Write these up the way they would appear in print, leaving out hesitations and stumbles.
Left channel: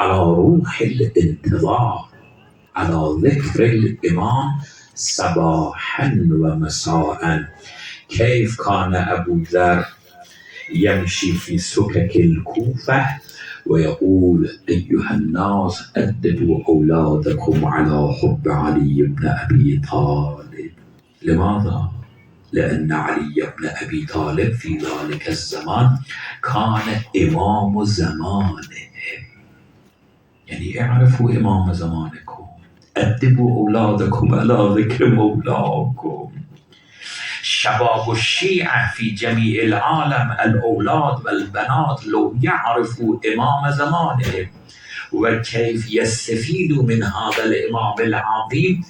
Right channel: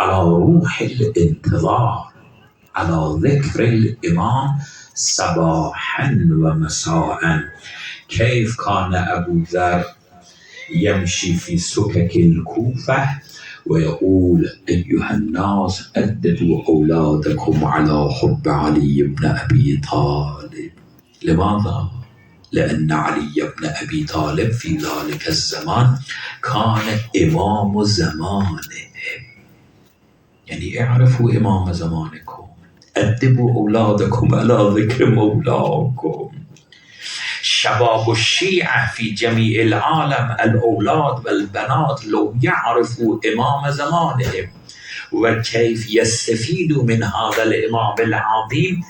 على روح الانتظار، على ذكر الإمام صباحا ومساء. كيف كان أبو ذر يمشي في سكك الكوفة ويقول: أيها الناس أدبوا أولادكم على حب علي بن أبي طالب. لماذا؟ لأن علي بن أبي طالب في ذلك الزمان كان إمام زمانه. يعني اعرفوا إمام زمانكم، أدبوا أولادكم على ذكر مولاكم. شباب الشيعة في جميع العالم، الأولاد والبنات، لو يعرفوا إمام زمانهم وكيف يستفيدوا من هذا الإمام العظيم،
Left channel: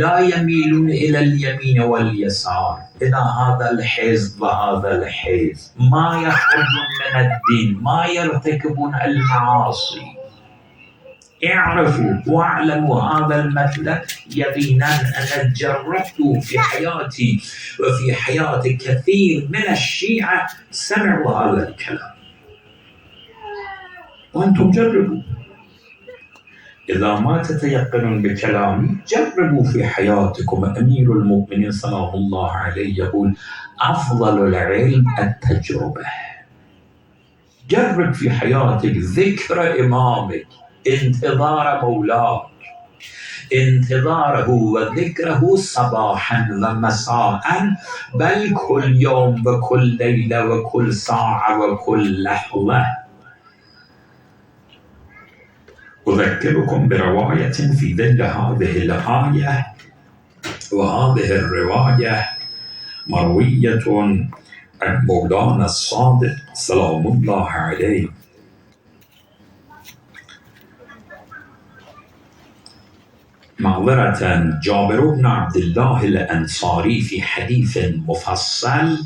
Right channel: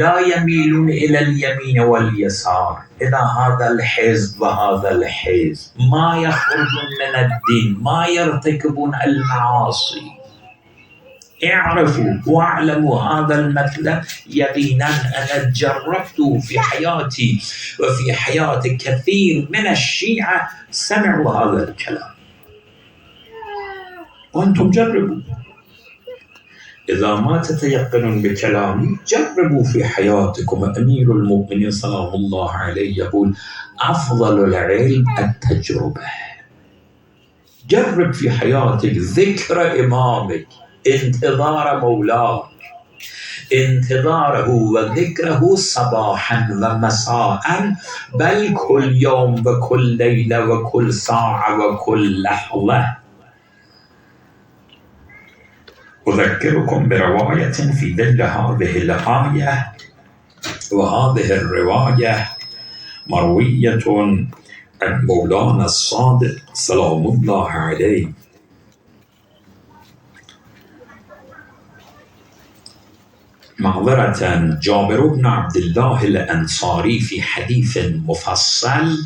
لا يميلون إلى اليمين واليسار، إلى هذا الحزب وهذا الحزب، ما يخرجون من الدين، ما يرتكبون المعاصي. اعرفوا واعلموا هذا المطلب يقينا. أنا جربت في حياتي وفي حياة كثير من الشيعة سمعوا هذا الكلام، وأنتم جربوا. إذا ما تتيقنون بكلامي جربوا في حياتكم. أمير المؤمنين سلام الله عليه يقول: أفضل العلم التجربة. جرب في حياتك ذكر إمامك، انتظار مولاك، انتظاره وذكره صباحا ومساء، بل كل يوم وكل ليلة وكل ساعة وكل لحظة. أذكركم برواية في ظل هذه الآية، وهذه الرواية مروية عن مولانا الصادق سلام الله عليه. معذرة، جابر بن عبد الله الأنصاري في حديث مفصل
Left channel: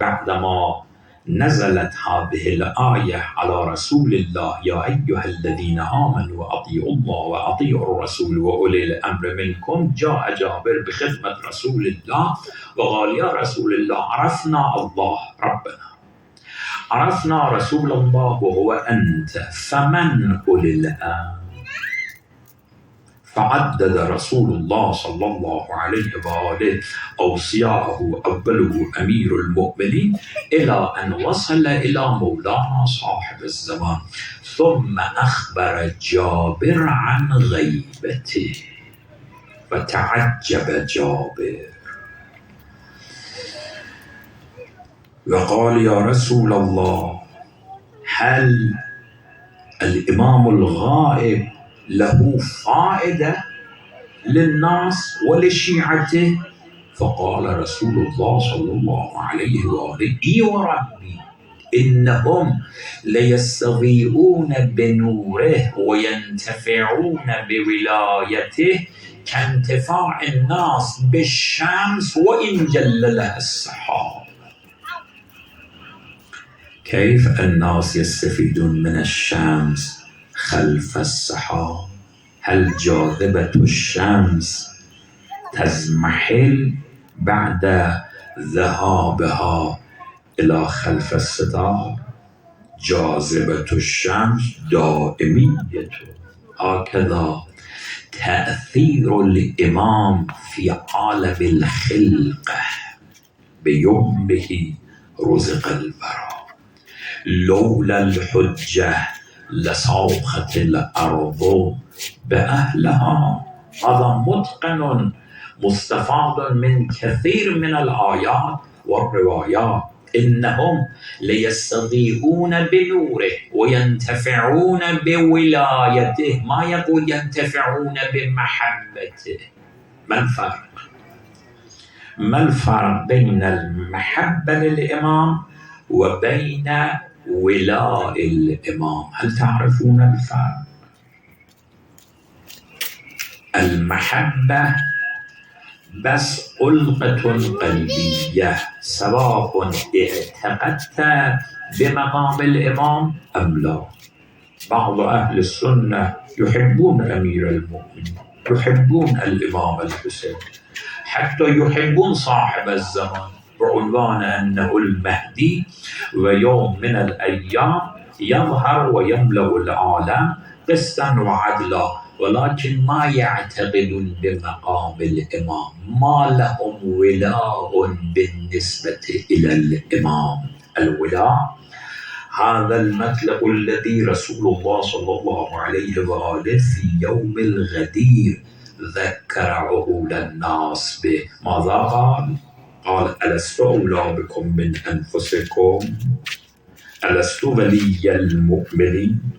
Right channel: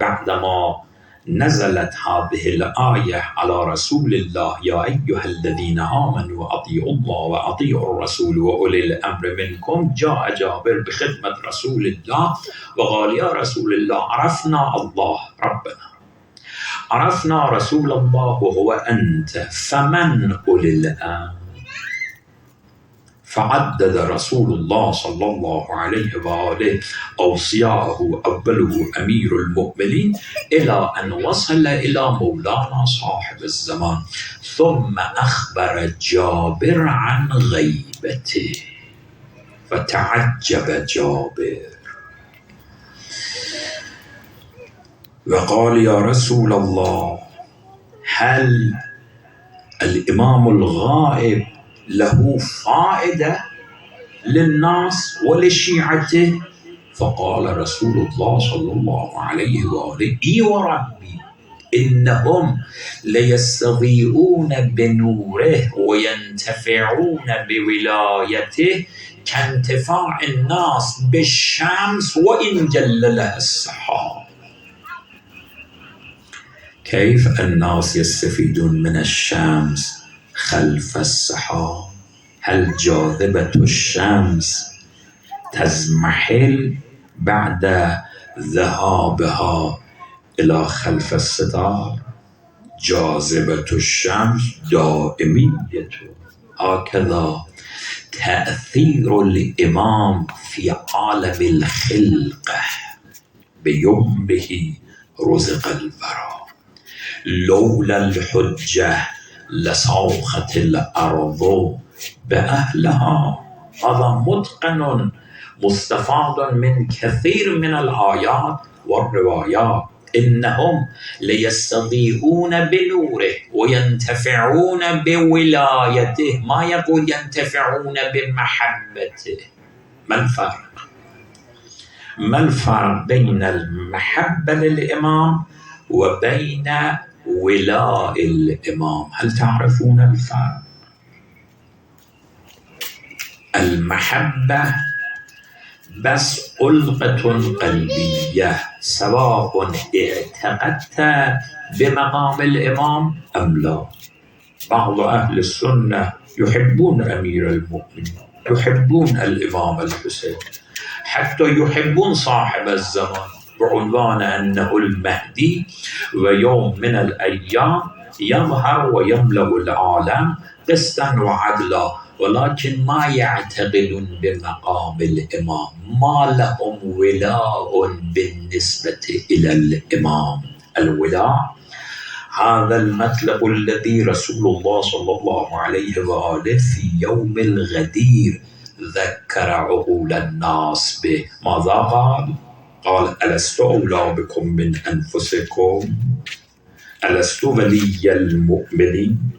بعدما نزلت هذه الآية على رسول الله: يا أيها الذين آمنوا أطيعوا الله وأطيعوا الرسول وأولي الأمر منكم، جاء جابر بخدمة رسول الله وقال: يا رسول الله، عرفنا الله ربنا، عرفنا رسول الله وهو أنت، فمن أولي الأمر؟ فعدد رسول الله صلى الله عليه وآله أوصياءه، أوله أمير المؤمنين، إلى أن وصل إلى مولانا صاحب الزمان، ثم أخبر جابر عن غيبته. فتعجب جابر وقال: يا رسول الله، هل الإمام الغائب له فائدة للناس ولشيعته؟ فقال رسول الله صلى الله عليه وآله: إي وربي، إنهم ليستضيئون بنوره وينتفعون بولايته كانتفاع الناس بالشمس وإن جللها السحاب. كيف الناس يستفيدون من الشمس خلف السحاب؟ هل جاذبة الشمس تزمحل بعد ذهابها إلى خلف الستار؟ جاذبة الشمس دائمية. هكذا تأثير الإمام في عالم الخلقة، بيمه رزق الورى. لولا الحجة لصوخت الأرض بأهلها. هذا متقن مستفاد من كثير من الآيات والروايات. إنهم ليستضيئون بنوره وينتفعون بولايته، ما يقول ينتفعون بمحبته. ما الفرق؟ ما الفرق بين المحبة للإمام وبين ولاء الإمام؟ هل تعرفون الفرق؟ المحبة بس ألقة قلبية، سواء اعتقدت بمقام الإمام أم لا. بعض أهل السنة يحبون أمير المؤمنين، يحبون الإمام الحسين، حتى يحبون صاحب الزمان بعنوان أنه المهدي، ويوم من الأيام يظهر ويملأ العالم قسطا وعدلا، ولكن ما يعتقدون بمقام الإمام، ما لهم ولاء بالنسبة إلى الإمام. الولاء هذا المطلب الذي رسول الله صلى الله عليه وآله في يوم الغدير ذكر عقول الناس به. ماذا قال؟ قال: ألست أولى بكم من أنفسكم؟ ألست ولي المؤمنين؟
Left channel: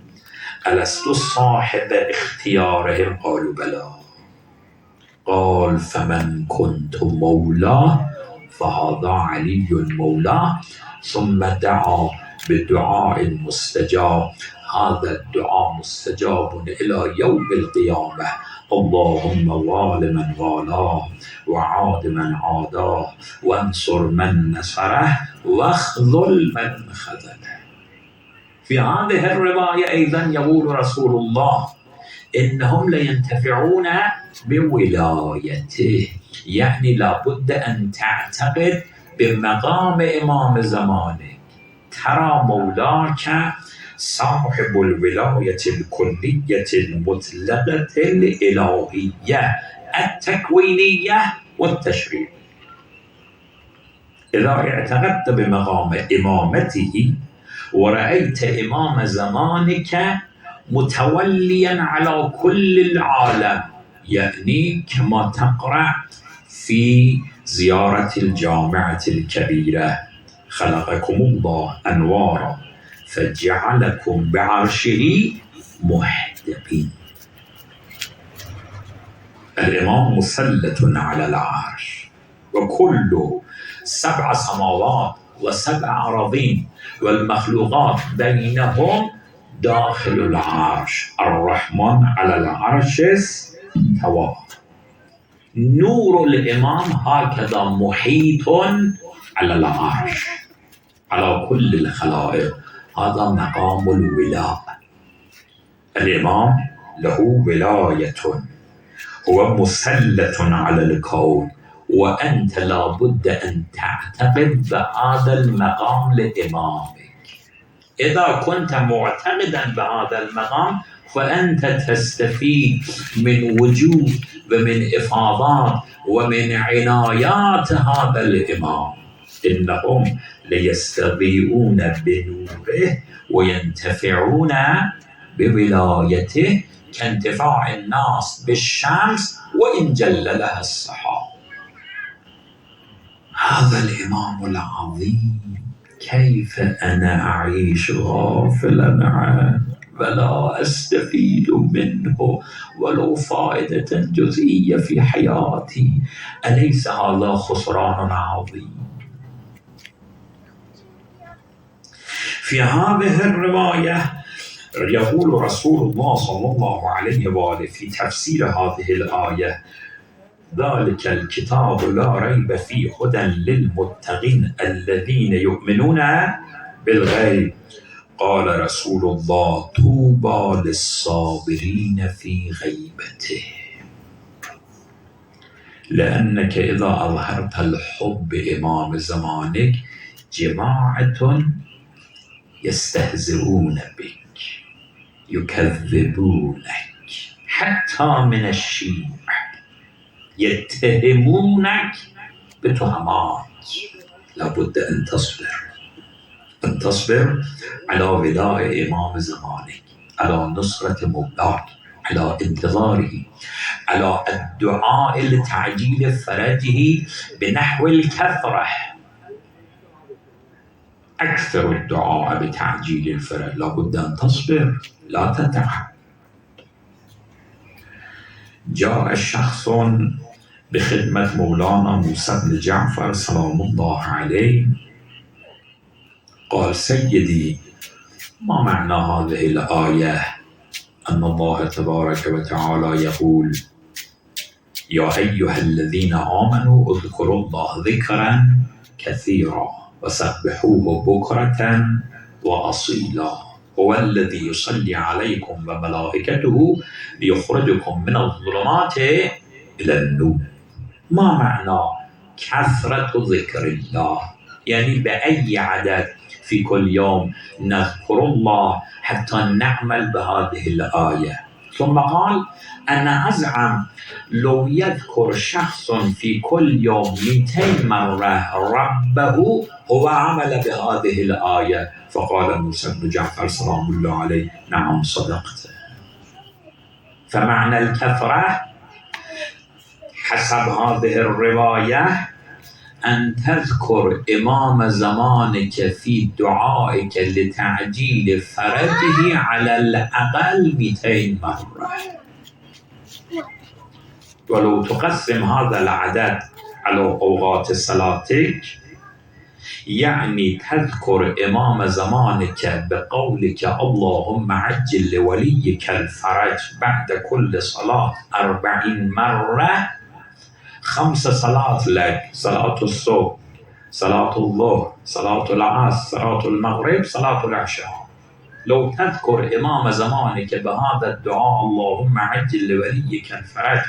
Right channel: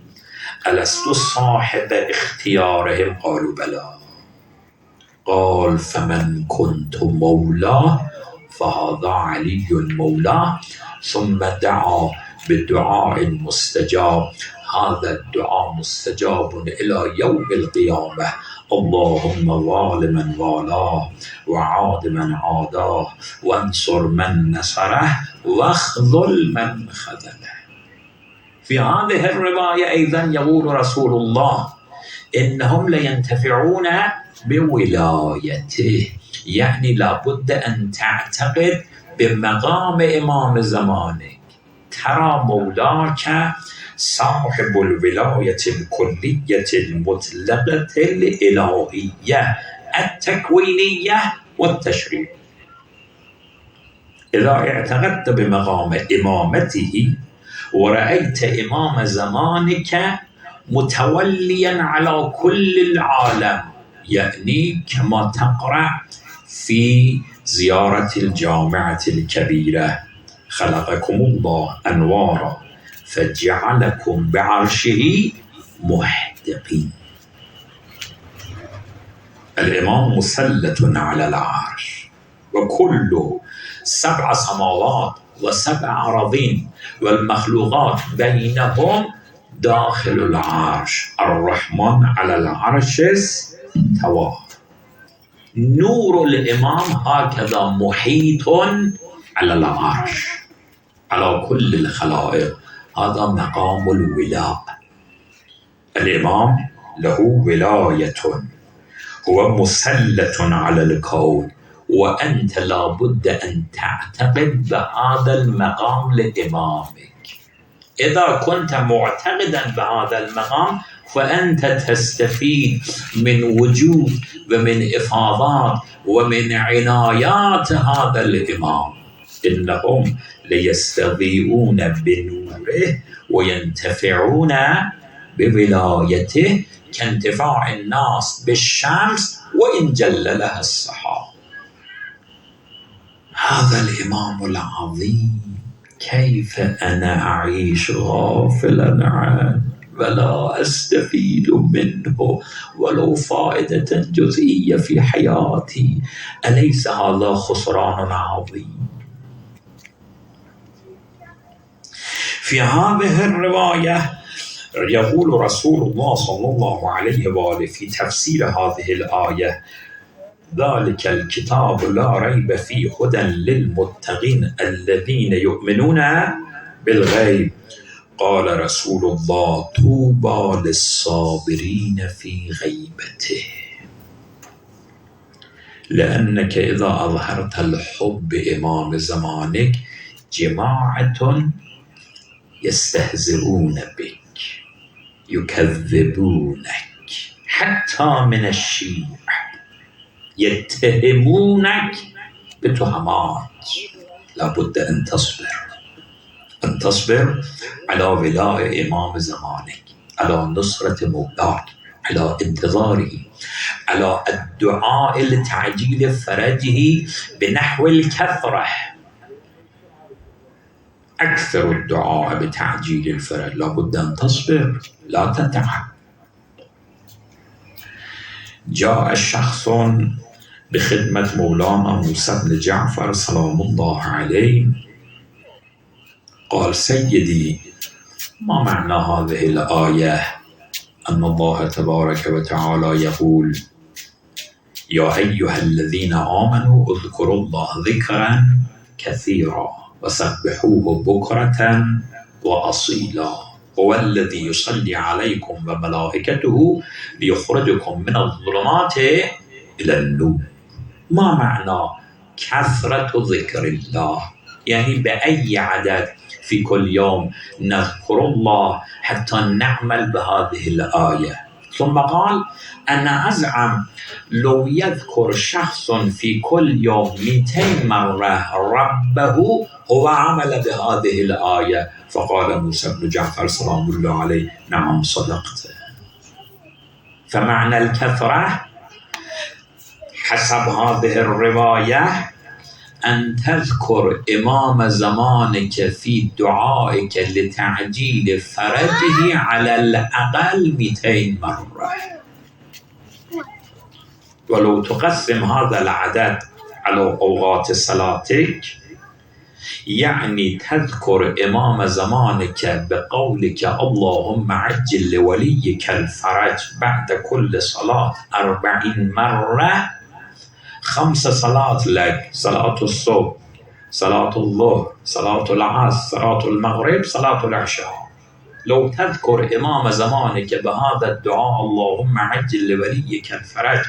ألست صاحب اختيارهم؟ قالوا بلى. قال: فمن كنت مولاه فهذا علي مولاه. ثم دعا بدعاء مستجاب، هذا الدعاء مستجاب إلى يوم القيامة: اللهم وال من والاه، وعاد من عاداه، وانصر من نصره، واخذل من خذله. في هذه الرواية أيضا يقول رسول الله: إنهم لينتفعون بولايته، يعني لابد أن تعتقد بمقام إمام زمانك، ترى مولاك صاحب الولاية الكلية المطلقة الإلهية التكوينية والتشريعية. إذا اعتقدت بمقام إمامته ورأيت إمام زمانك متوليا على كل العالم، يعني كما تقرأ في زيارة الجامعة الكبيرة: خلقكم الله أنوارا فجعلكم بعرشه محدقين. الإمام مسلط على العرش، وكل 7 سماوات و7 أراضين والمخلوقات بينهم داخل العرش. الرحمن على العرش استوى. نور الإمام هكذا محيط على العرش على كل الخلائق. هذا مقام الولاء. الإمام له ولاية، هو مسلط على الكون، وأنت لابد أن تعتقد بهذا المقام لإمامك. إذا كنت معتقدا بهذا المقام فأنت تستفيد من وجود ومن إفاضات ومن عنايات هذا الإمام. إنهم ليستضيئون بنوره وينتفعون بولايته كانتفاع الناس بالشمس وإن جل لها السحاب. هذا الإمام العظيم كيف أنا أعيش غافلا عنه ولا أستفيد منه ولو فائدة جزئية في حياتي؟ أليس هذا خسران عظيم؟ في هذه الرواية يقول رسول الله صلى الله عليه وآله في تفسير هذه الآية: ذلك الكتاب لا ريب فيه هدى للمتقين الذين يؤمنون بالغيب. قال رسول الله: طوبى للصابرين في غيبته. لأنك إذا أظهرت الحب إمام زمانك جماعة يستهزئون بك، يكذبونك، حتى من الشيوع يتهمونك بتهمات. لابد أن تصبر على ولاء إمام زمانك، على نصرة مولاك، على انتظاره، على الدعاء لتعجيل فرجه بنحو الكثرة. أكثر الدعاء بتعجيل الفرج. لابد أن تصبر، لا تتعب. جاء الشخص بخدمة مولانا موسى بن جعفر سلام الله عليه، قال: سيدي، ما معنى هذه الآية أن الله تبارك وتعالى يقول: يا أيها الذين آمنوا اذكروا الله ذكرا كثيرا وسبحوه بكرة وأصيلا، هو الذي يصلي عليكم وملائكته ليخرجكم من الظلمات إلى النور. ما معنى كثرة ذكر الله؟ يعني بأي عدد في كل يوم نذكر الله حتى نعمل بهذه الآية. ثم قال: أنا أزعم لو يذكر شخص في كل يوم 200 مرة ربه هو عمل بهذه الآية. فقال موسى بن جعفر سلام الله عليه: نعم صدقت. فمعنى الكثرة حسب هذه الرواية أن تذكر إمام زمانك في دعائك لتعجيل فرجه على الأقل 200 مرة. ولو تقسم هذا العدد على أوقات صلاتك، يعني تذكر إمام زمانك بقولك اللهم عجل لوليك الفرج بعد كل صلاة 40 مرة. 5 صلاة لك: صلاة الصبح، صلاة الظهر، صلاة العصر، صلاة المغرب، صلاة العشاء. لو تذكر إمام زمانك بهذا الدعاء اللهم عجل لوليك الفرج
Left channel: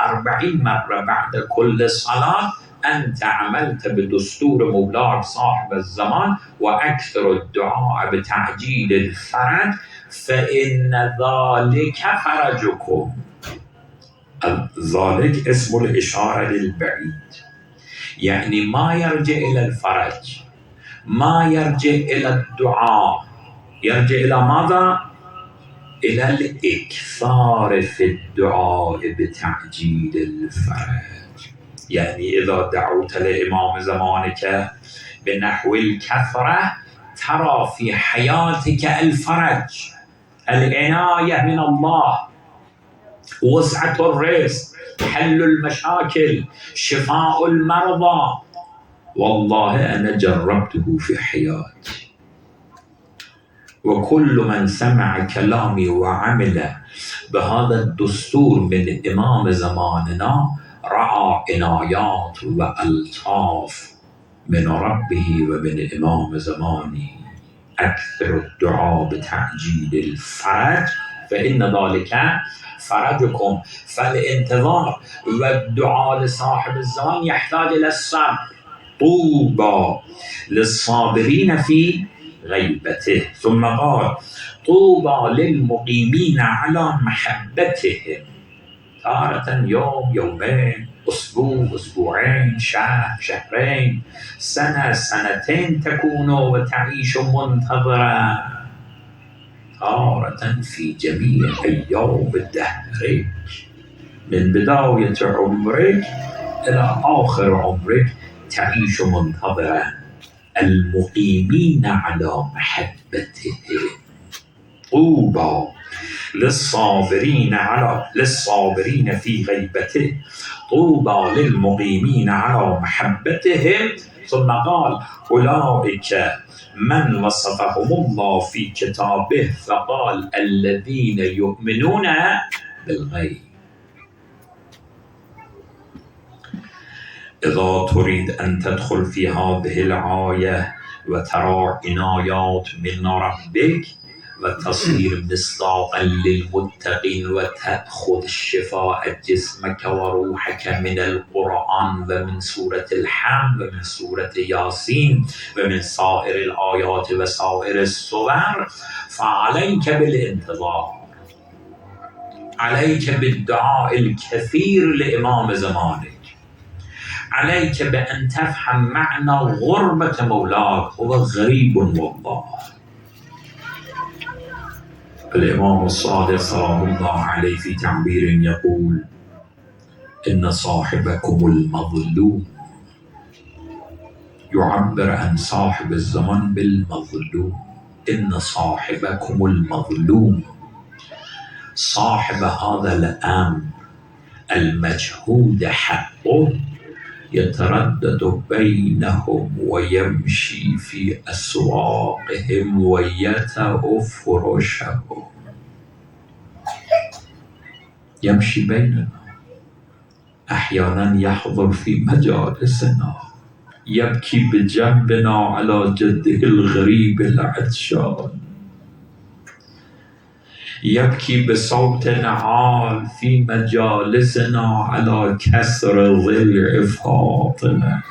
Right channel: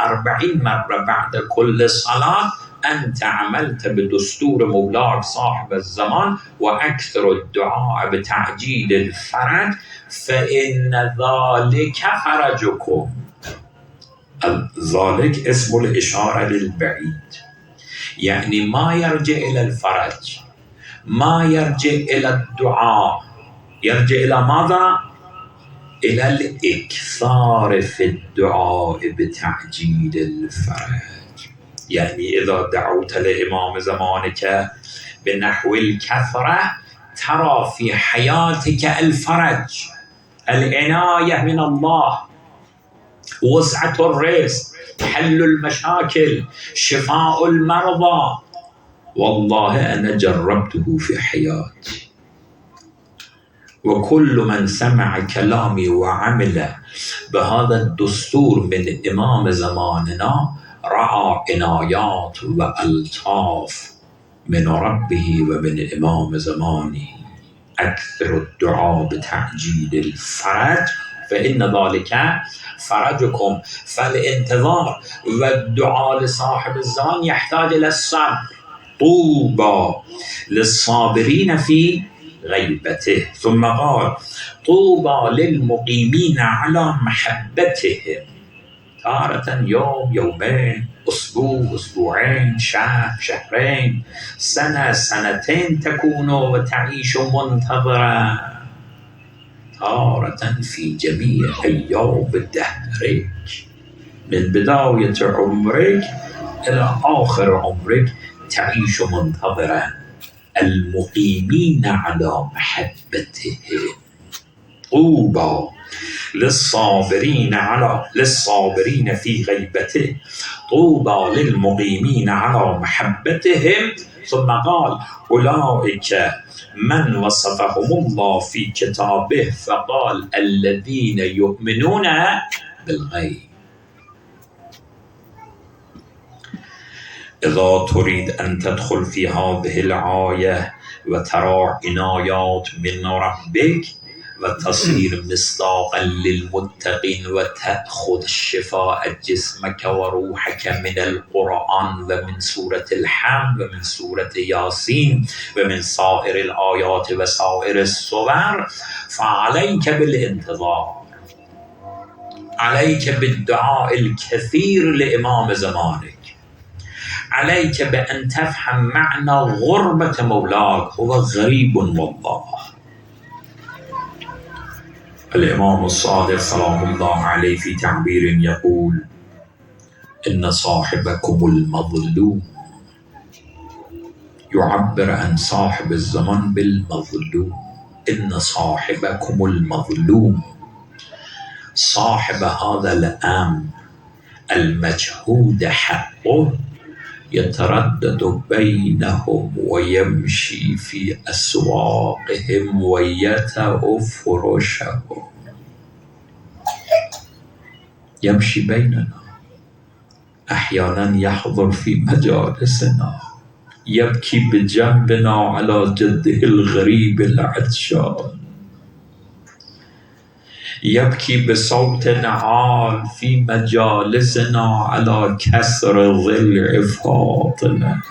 40 مرة بعد كل صلاة، أنت عملت بدستور مولاك صاحب الزمان، وأكثر الدعاء بتعجيل الفرج، فإن ذلك فرجكم. ذلك اسم الإشارة للبعيد، يعني ما يرجع إلى الفرج، ما يرجع إلى الدعاء، يرجع إلى ماذا؟ إلى الإكثار في الدعاء بتعجيل الفرج. يعني إذا دعوت لإمام زمانك بنحو الكثرة ترى في حياتك الفرج، العناية من الله، وسعة الرزق، حل المشاكل، شفاء المرضى. والله أنا جربته في حياتي، وكل من سمع كلامي وعمل بهذا الدستور من إمام زماننا رأى عنايات وألطاف من ربه ومن إمام زماني. أكثر الدعاء بتعجيل الفرج فإن ذلك فرجكم. فالانتظار والدعاء لصاحب الزمان يحتاج إلى الصبر. طوبى للصابرين في غيبته. ثم قال: طوبى للمقيمين على محبتهم، تارة يوم، يومين، أسبوع، أسبوعين، شهر، شهرين، سنة، سنتين تكون وتعيش منتظرا، تارة في جميع أيام دهرك، من بداية عمرك إلى آخر عمرك تعيش منتظرا. المقيمين على محبته. طوبى للصابرين في غيبته، طوبى للمقيمين على محبتهم. ثم قال: أولئك من وصفهم الله في كتابه فقال: الذين يؤمنون بالغيب. إذا تريد أن تدخل في هذه الآية وترى عنايات من ربك وتصير مصداقا للمتقين وتأخذ شفاء جسمك وروحك من القرآن ومن سورة الحمد ومن سورة ياسين ومن سائر الآيات وسائر السور، فعليك بالانتظار، عليك بالدعاء الكثير لإمام زمانك، عليك بأن تفهم معنى غربة مولاك. هو غريب والله. الإمام الصادق سلام الله عليه في تعبير يقول: إن صاحبكم المظلوم، يعبر عن صاحب الزمن بالمظلوم. إن صاحبكم المظلوم، صاحب هذا الأمر المجهود حقه يتردد بينهم ويمشي في أسواقهم ويتأ فرشهم، يمشي بيننا، أحيانا يحضر في مجالسنا، يبكي بجنبنا على جده الغريب العطشان، يبكي بصوت عال في مجالسنا على كسر ظل فاطمة.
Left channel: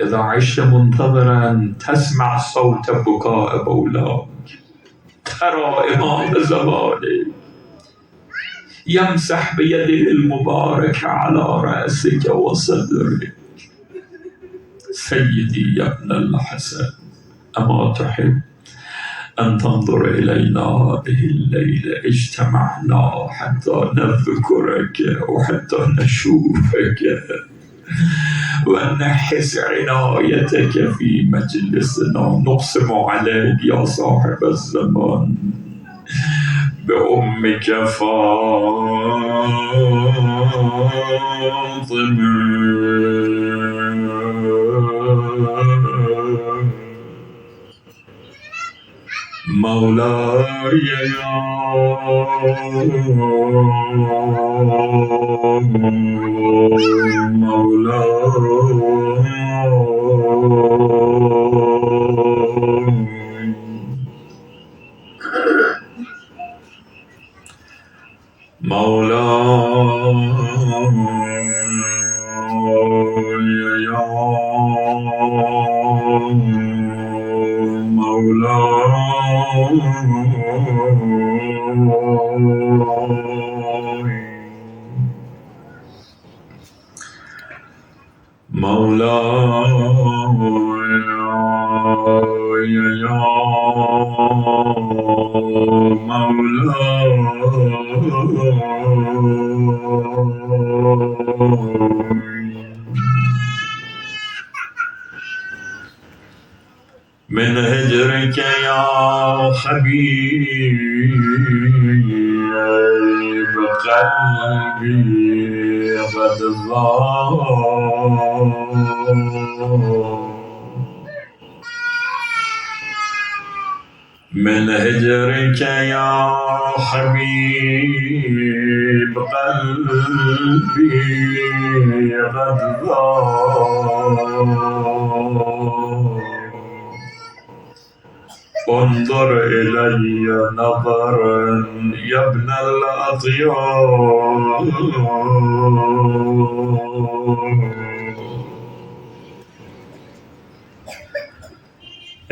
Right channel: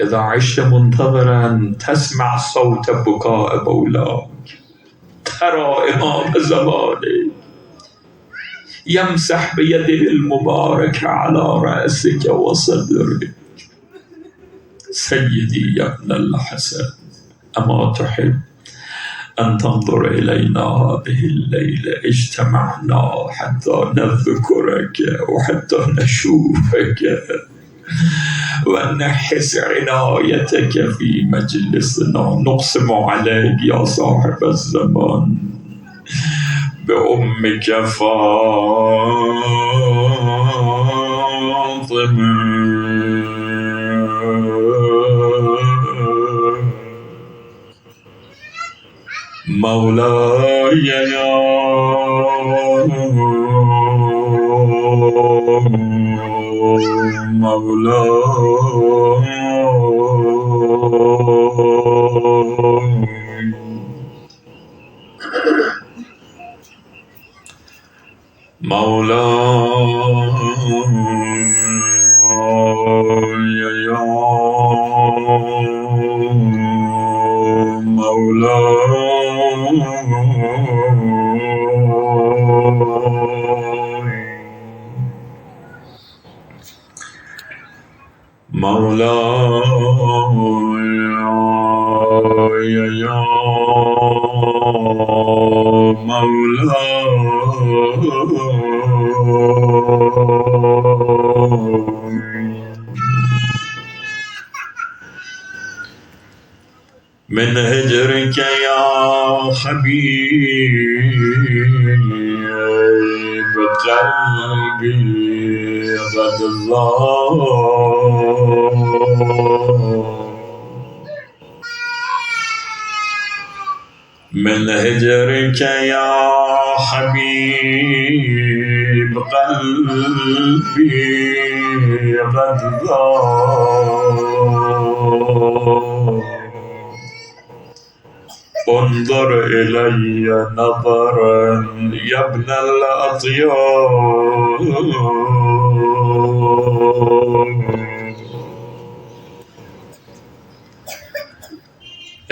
إذا عشت منتظرا تسمع صوت بكاء مولاك، ترى إمام زمانه يمسح بيده المباركة على رأسك وصدرك. سيدي يا ابن الحسن، أما تحب أن تنظر إلينا هذه الليلة؟ اجتمعنا حتى نذكرك وحتى نشوفك ونحس عنايتك في مجلسنا. نقسم عليك يا صاحب الزمان بأمك فاطمة مولاي يا من هجرك يا حبيب قلبي قد ضاق، من هجرك يا حبيب قلبي قد ضاق. انظر إلي نظرا يا ابن الأطيار،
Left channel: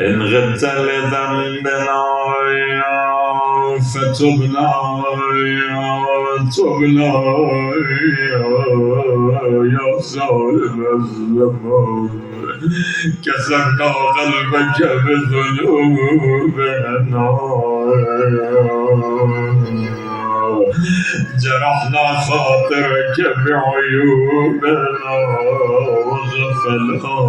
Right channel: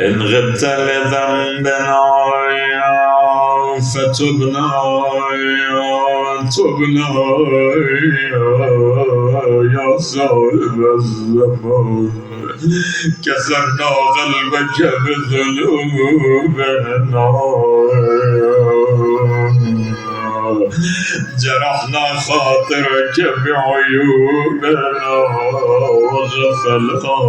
إن غبت لذنبنا فتبنا يا صاحب الزمان. كسرنا قلبك بذنوبنا، جرحنا خاطرك بعيوبنا وغفلاتنا.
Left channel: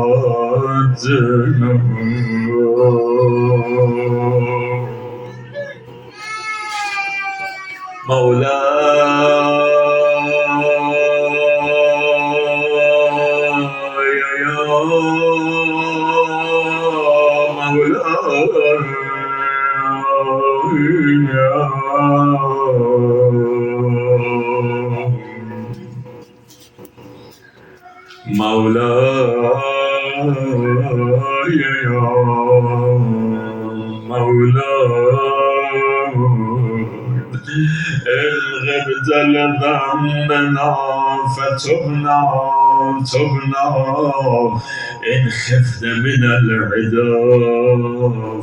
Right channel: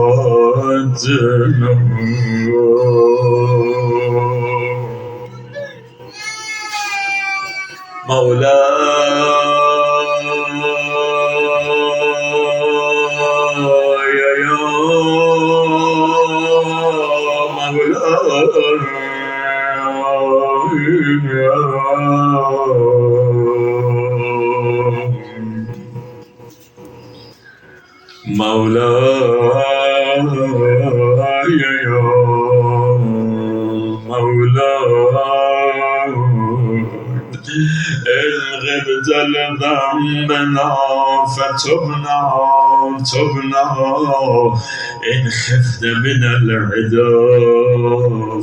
مولاي يا مولاي يا مولاي، إن غبت لذنبنا فتبنا، إن خفت من العدا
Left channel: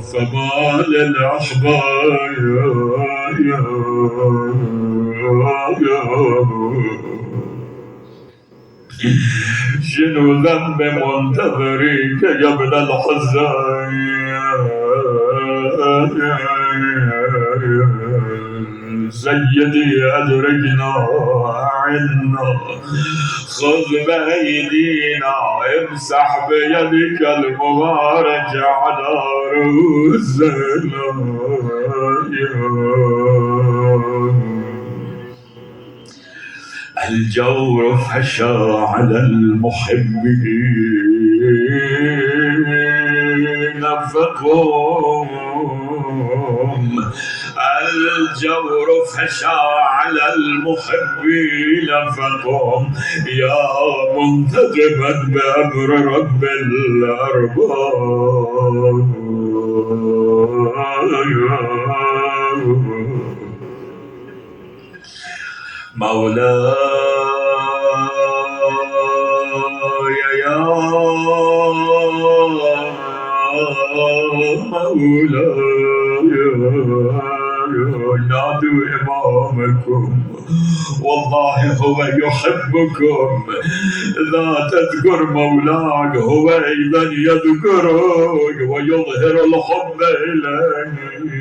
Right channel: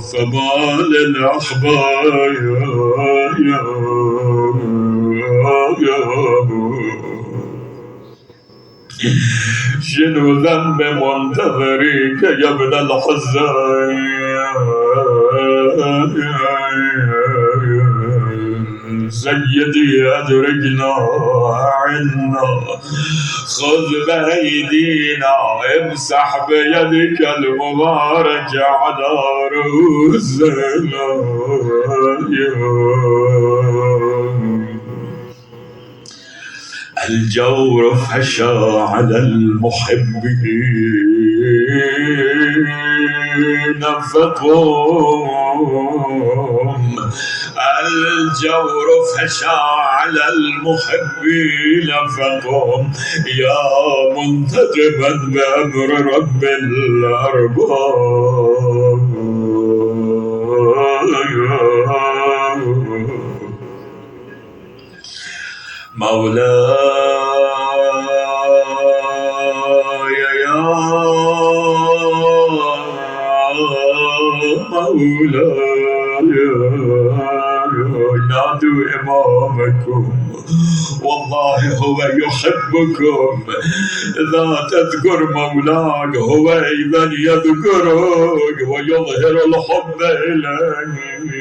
فما للأخبار. شنو ذنب منتظرك يا ابن الحزين؟ سيدي أدركنا عنا، خذ بأيدينا، امسح بيدك المباركة على رؤوسنا. الجور فشى على المحبين فقم، الجور فشى على المحبين فقم، يا منتقما بأمر رب الأرباب. مولاي يا نادوا إمامكم والله هو يحبكم. إذا تذكر مولاك هو أيضا يذكرك ويظهر الحب إليك.